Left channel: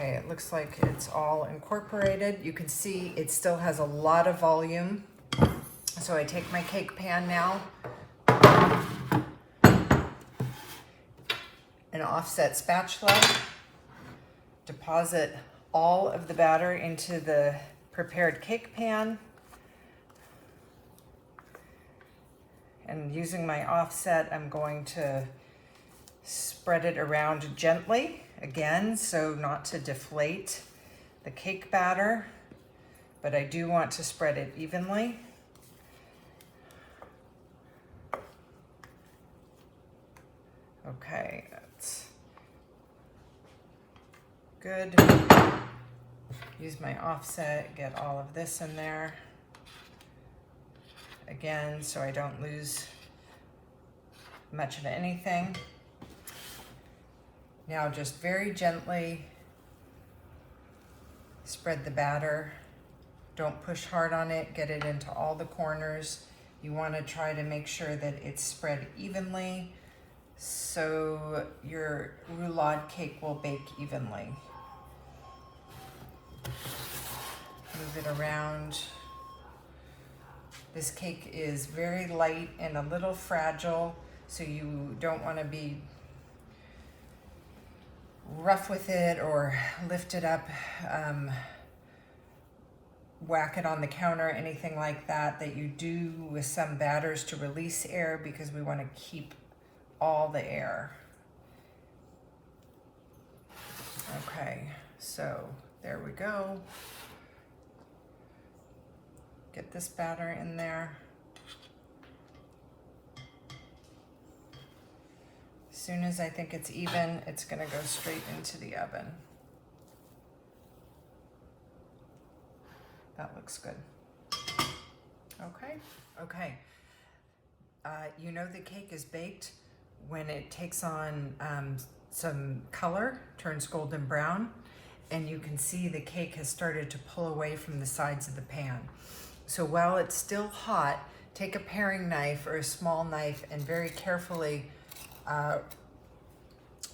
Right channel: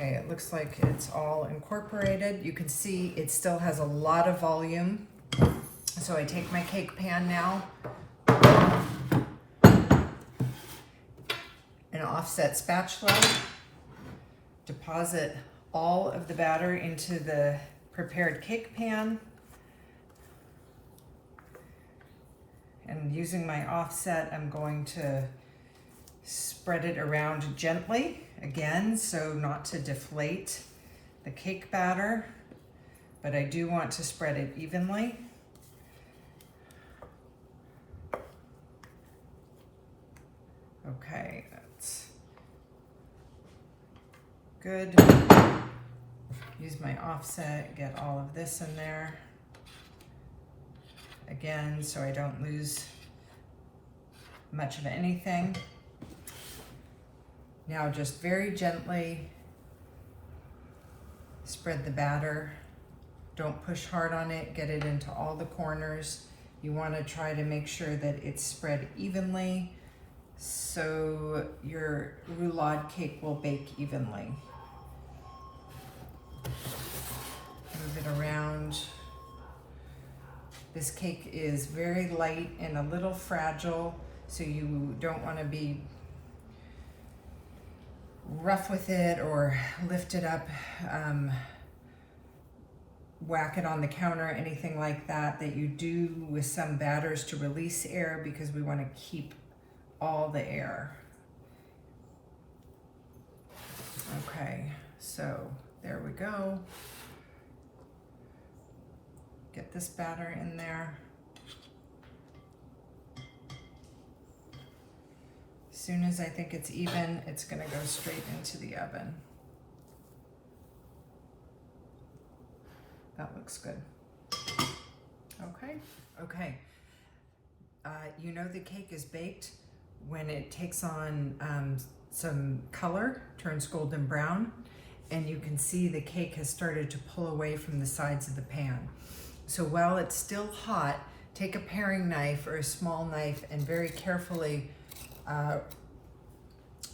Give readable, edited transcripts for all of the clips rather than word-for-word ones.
Okay, it looks like it's all incorporated. You can see it still has a lot of volume. So I take my cake pan now, an offset spatula, deposit all of the batter into the prepared cake pan, and using my offset, I'm going to spread it around gently, again, so not to deflate the cake batter, but I do want to spread it evenly. Okay, that's good. Use my offset, get all of this in there. Again, so I don't lose much of anything. Now just very gently spread the batter. Don't push hard on it, get it into all the corners. You want to try to make sure that it's spread evenly so your roulade cake will bake evenly. Move it around. This cake is very light and a little fragile, so you don't want to be rough with it or lift it up, whack it on the counter, anything like that you do with some batters to release air, because we want to keep all the air. Okay, so there we go. Get this batter in there. As soon as I think it's even, it's gonna go straight into the oven. That looks good. Okay. You know the cake is baked when it takes on some color, turns golden brown, and you can see the cake has started to pull away from the sides of the pan. So while it's still hot, take a paring knife or a small knife and very carefully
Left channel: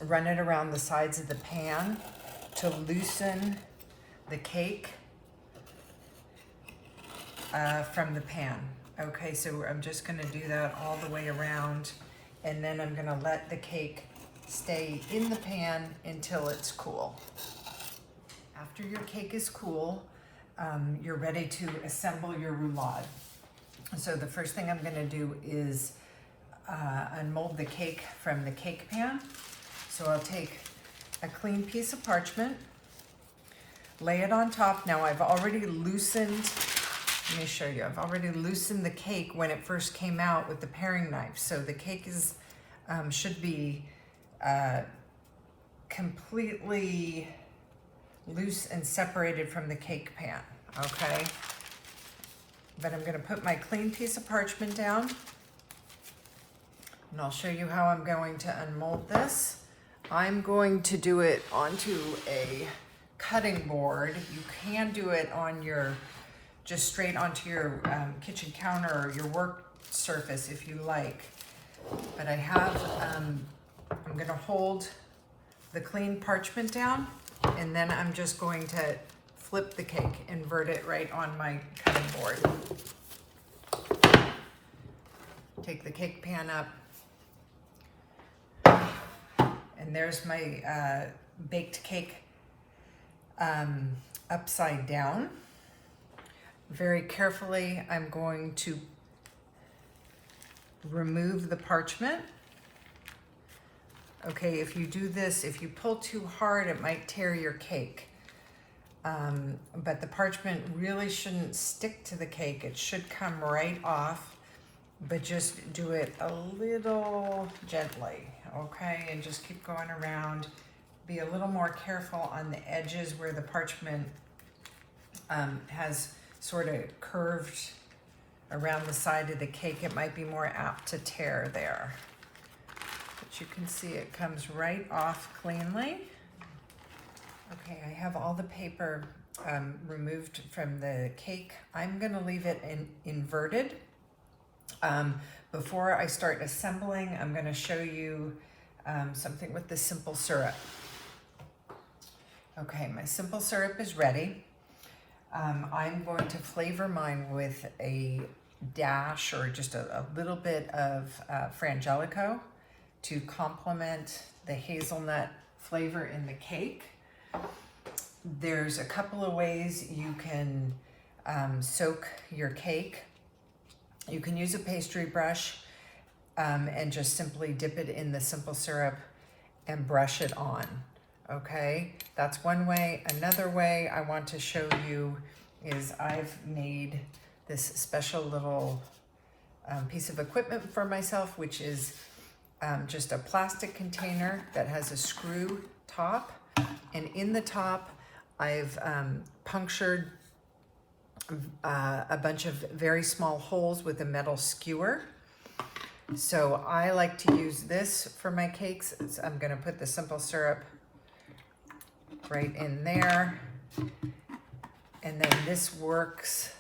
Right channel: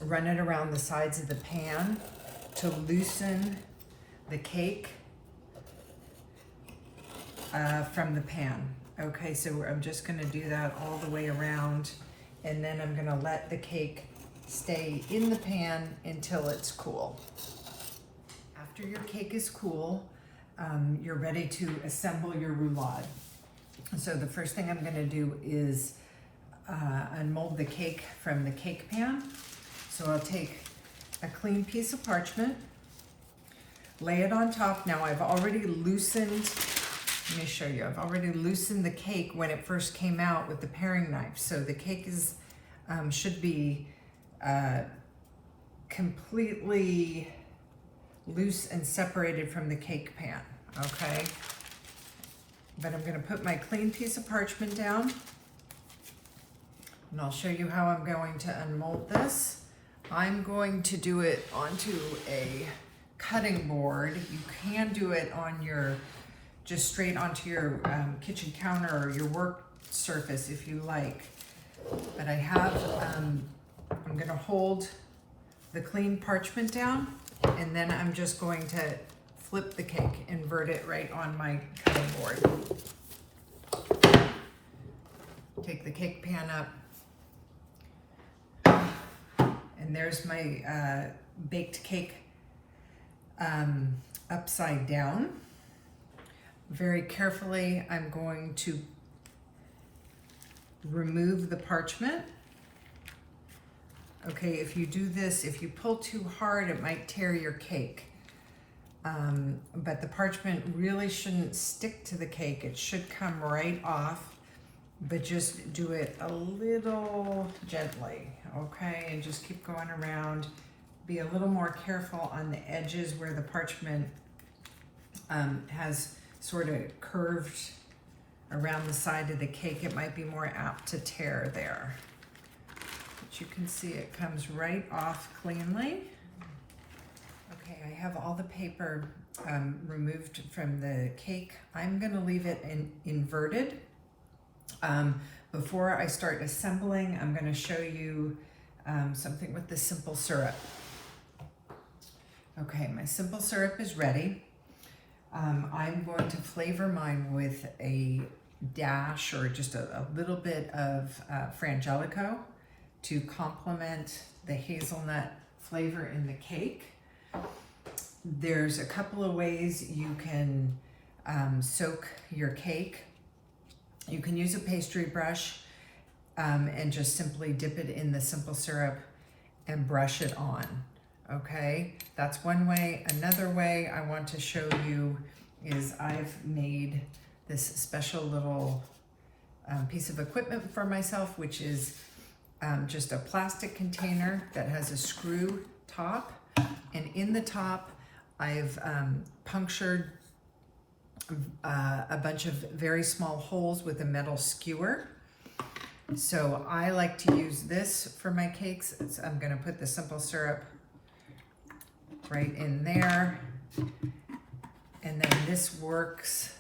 run it around the sides of the pan to loosen the cake from the pan. Okay, so I'm just gonna do that all the way around, and then I'm gonna let the cake stay in the pan until it's cool. After your cake is cool, you're ready to assemble your roulade. So the first thing I'm gonna do is unmold the cake from the cake pan. So I'll take a clean piece of parchment, lay it on top. Now I've already loosened, let me show you, I've already loosened the cake when it first came out with the paring knife. So the cake is should be completely loose and separated from the cake pan, okay? But I'm gonna put my clean piece of parchment down, and I'll show you how I'm going to unmold this. I'm going to do it onto a cutting board. You can do it on your, just straight onto your kitchen counter or your work surface if you like. But I have, I'm gonna hold the clean parchment down, and then I'm just going to flip the cake, invert it right on my cutting board. Take the cake pan up, and there's my baked cake upside down. Very carefully, I'm going to remove the parchment. Okay, if you do this, if you pull too hard, it might tear your cake. But the parchment really shouldn't stick to the cake. It should come right off, but just do it a little gently, okay? And just keep going around. Be a little more careful on the edges where the parchment has sort of curved around the side of the cake. It might be more apt to tear there. But you can see it comes right off cleanly. Okay, I have all the paper removed from the cake. I'm gonna leave it inverted. Before I start assembling, I'm gonna show you something with the simple syrup. Okay, my simple syrup is ready. I'm going to flavor mine with a dash or just a little bit of Frangelico to complement the hazelnut flavor in the cake. There's a couple of ways you can soak your cake. You can use a pastry brush and just simply dip it in the simple syrup and brush it on. Okay, that's one way. Another way I want to show you is I've made this special little piece of equipment for myself, which is just a plastic container that has a screw top. And in the top, I've punctured a bunch of very small holes with a metal skewer. So I like to use this for my cakes. I'm gonna put the simple syrup right in there. And then this works,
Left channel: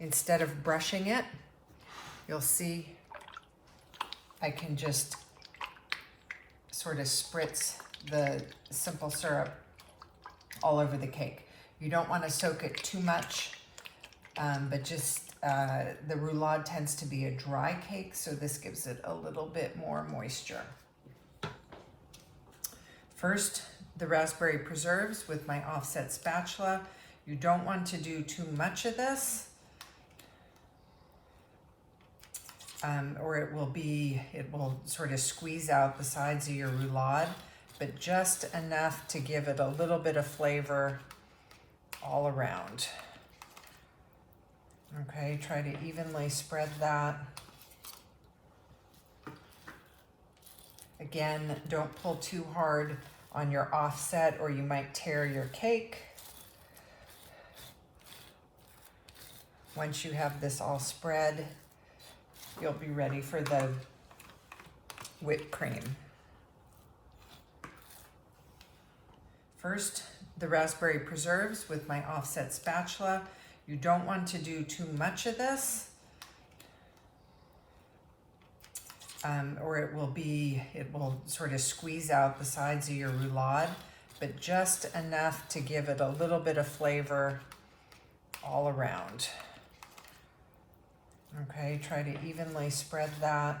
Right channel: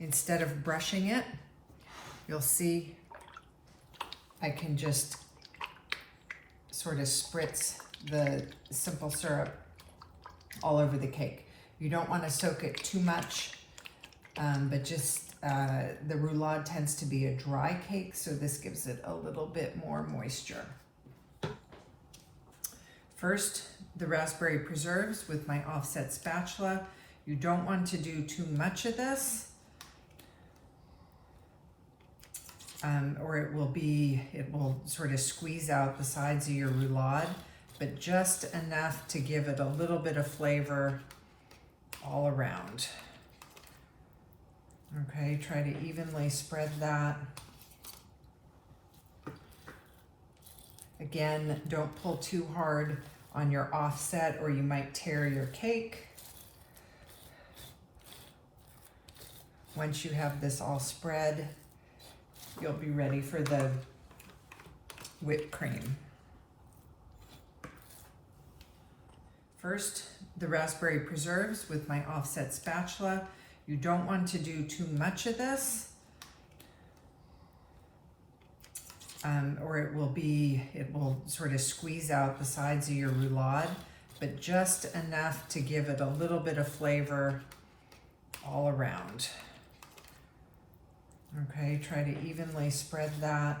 instead of brushing it, you'll see I can just sort of spritz the simple syrup all over the cake. You don't want to soak it too much, but just the roulade tends to be a dry cake, so this gives it a little bit more moisture. First, the raspberry preserves with my offset spatula. You don't want to do too much of this, or it will sort of squeeze out the sides of your roulade, but just enough to give it a little bit of flavor all around. Okay, try to evenly spread that. Again, don't pull too hard on your offset or you might tear your cake. Once you have this all spread, you'll be ready for the whipped cream. First, the raspberry preserves with my offset spatula. You don't want to do too much of this, or it will sort of squeeze out the sides of your roulade, but just enough to give it a little bit of flavor all around. Okay, try to evenly spread that.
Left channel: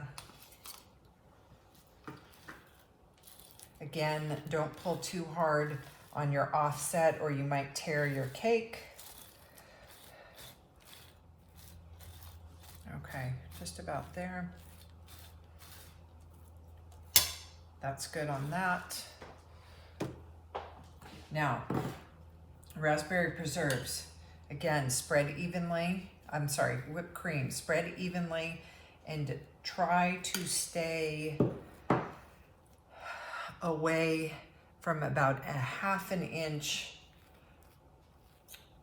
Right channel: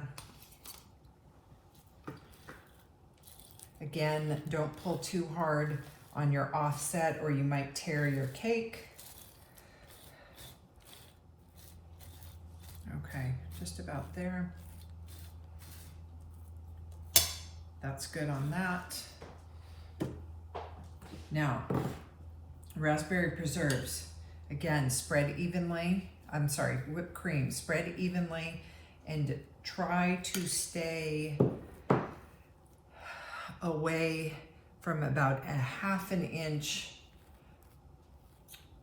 Again, don't pull too hard on your offset or you might tear your cake. Okay, just about there. That's good on that. Now, raspberry preserves. Again, spread evenly. Whipped cream. Spread evenly and try to stay away from about a ½ inch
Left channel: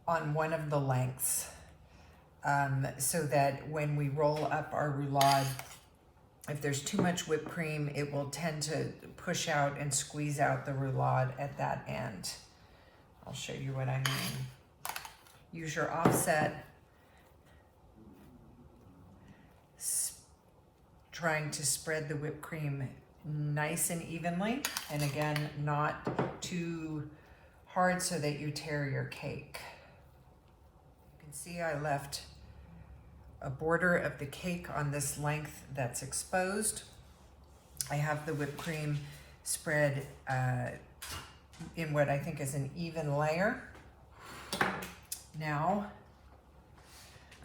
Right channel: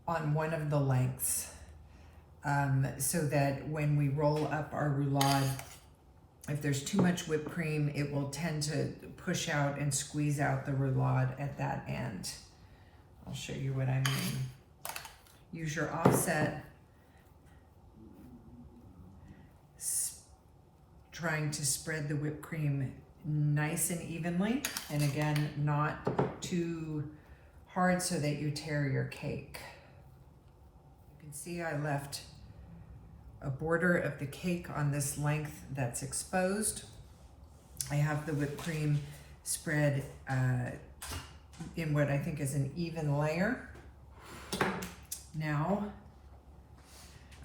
on one of the lengths, so that when we roll up our roulade, if there's too much whipped cream, it will tend to push out and squeeze out the roulade at that end. I'll show you what I mean. Use your offset, trying to spread the whipped cream nice and evenly, and again, not too hard so that you tear your cake. You can see I left a border of the cake on this length that's exposed. I have the whipped cream spread in what I think is an even layer. Now,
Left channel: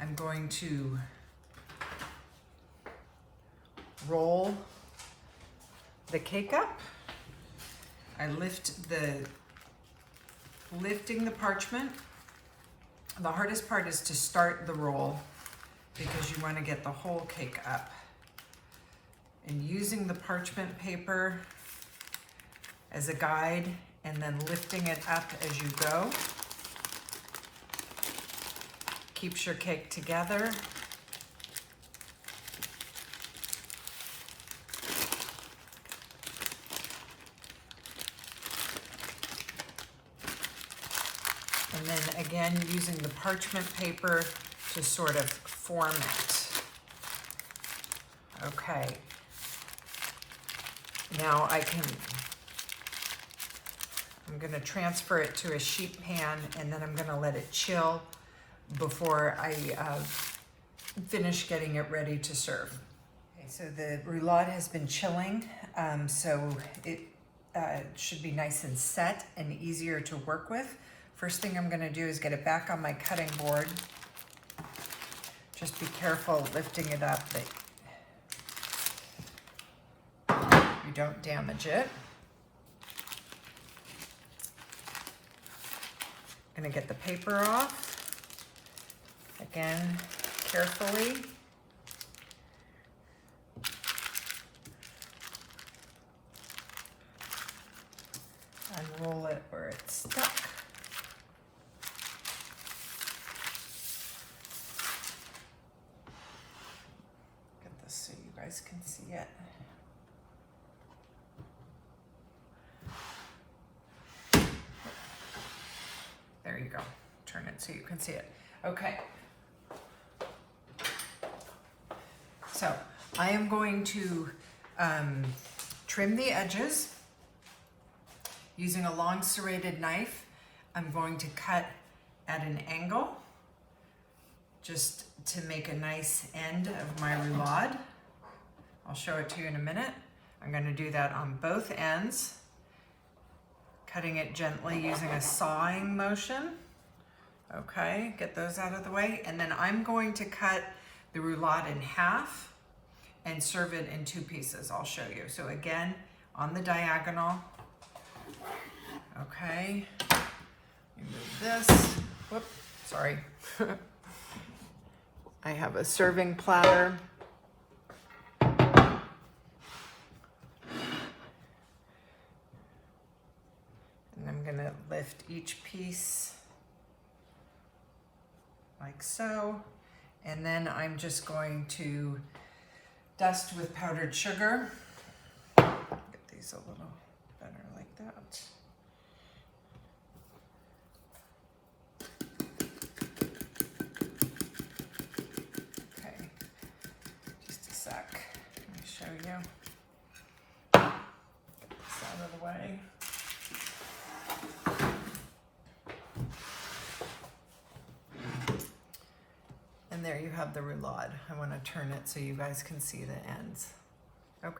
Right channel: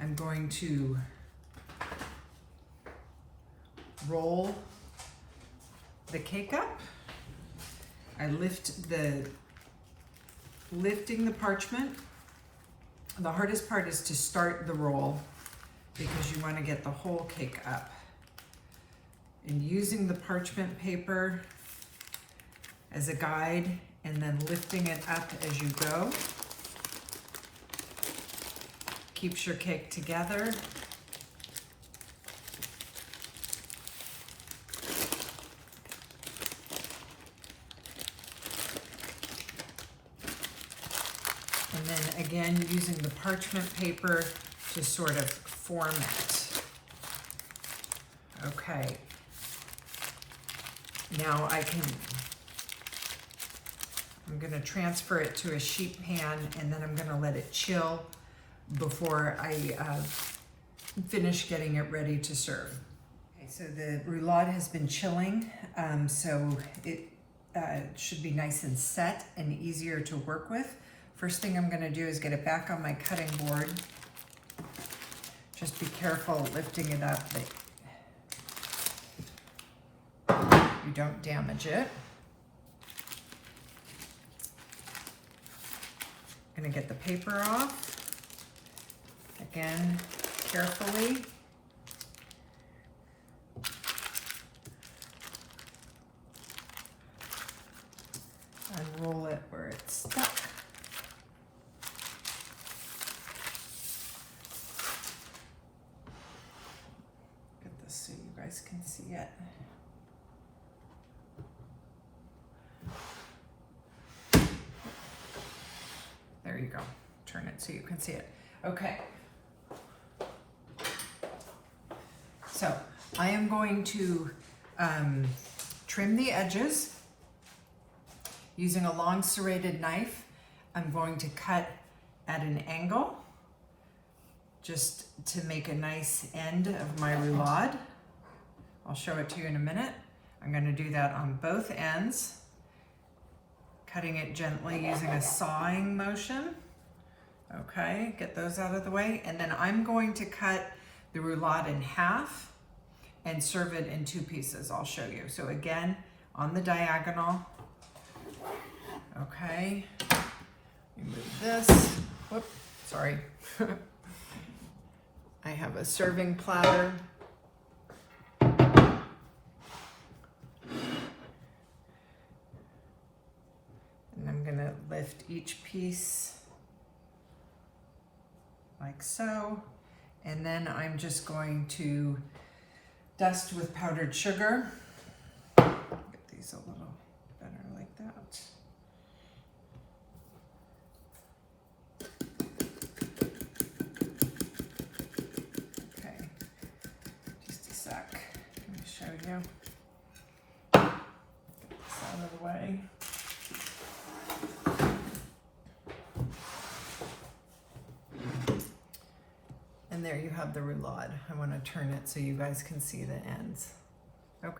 I'm going to roll the cake up. I lifting the parchment. The hardest part is to start the roll because you want to get the whole cake up. And using the parchment paper as a guide and then lifting it up as you go keeps your cake together. And then again, using the parchment paper to sort of form it. Okay. I'm gonna transfer it to a sheet pan, and then I'm gonna let it chill before I finish getting it ready to serve. Okay, so the roulade has been chilling, so it should be nice and set and easier to work with. First thing I'm gonna do is get it back on my cutting board. Just be careful lifting it up that you don't damage it. I'm gonna get the paper off. Again, carefully. Unroll it where it's stuck. Get this so you guys can see it. There you go. Turn it so you can see it. Okay. So I am going to trim the edges using a long serrated knife. I'm going to cut at an angle just to make a nice end of my roulade. I'll show it to you in a minute. I'm going to do that on both ends, cutting it gently using a sawing motion. Okay, get those out of the way. And then I'm going to cut the roulade in half and serve it in 2 pieces. I'll show you. So again, on the diagonal. Okay, move this. Whoop, sorry. I have a serving platter. And I'm gonna lift each piece like so. And then I'm just going to dust with powdered sugar. Get these a little better like that. Okay, just a sec. Let me show you. Get this out of the way. And there you have the roulade. I want to turn it so you guys can see the ends.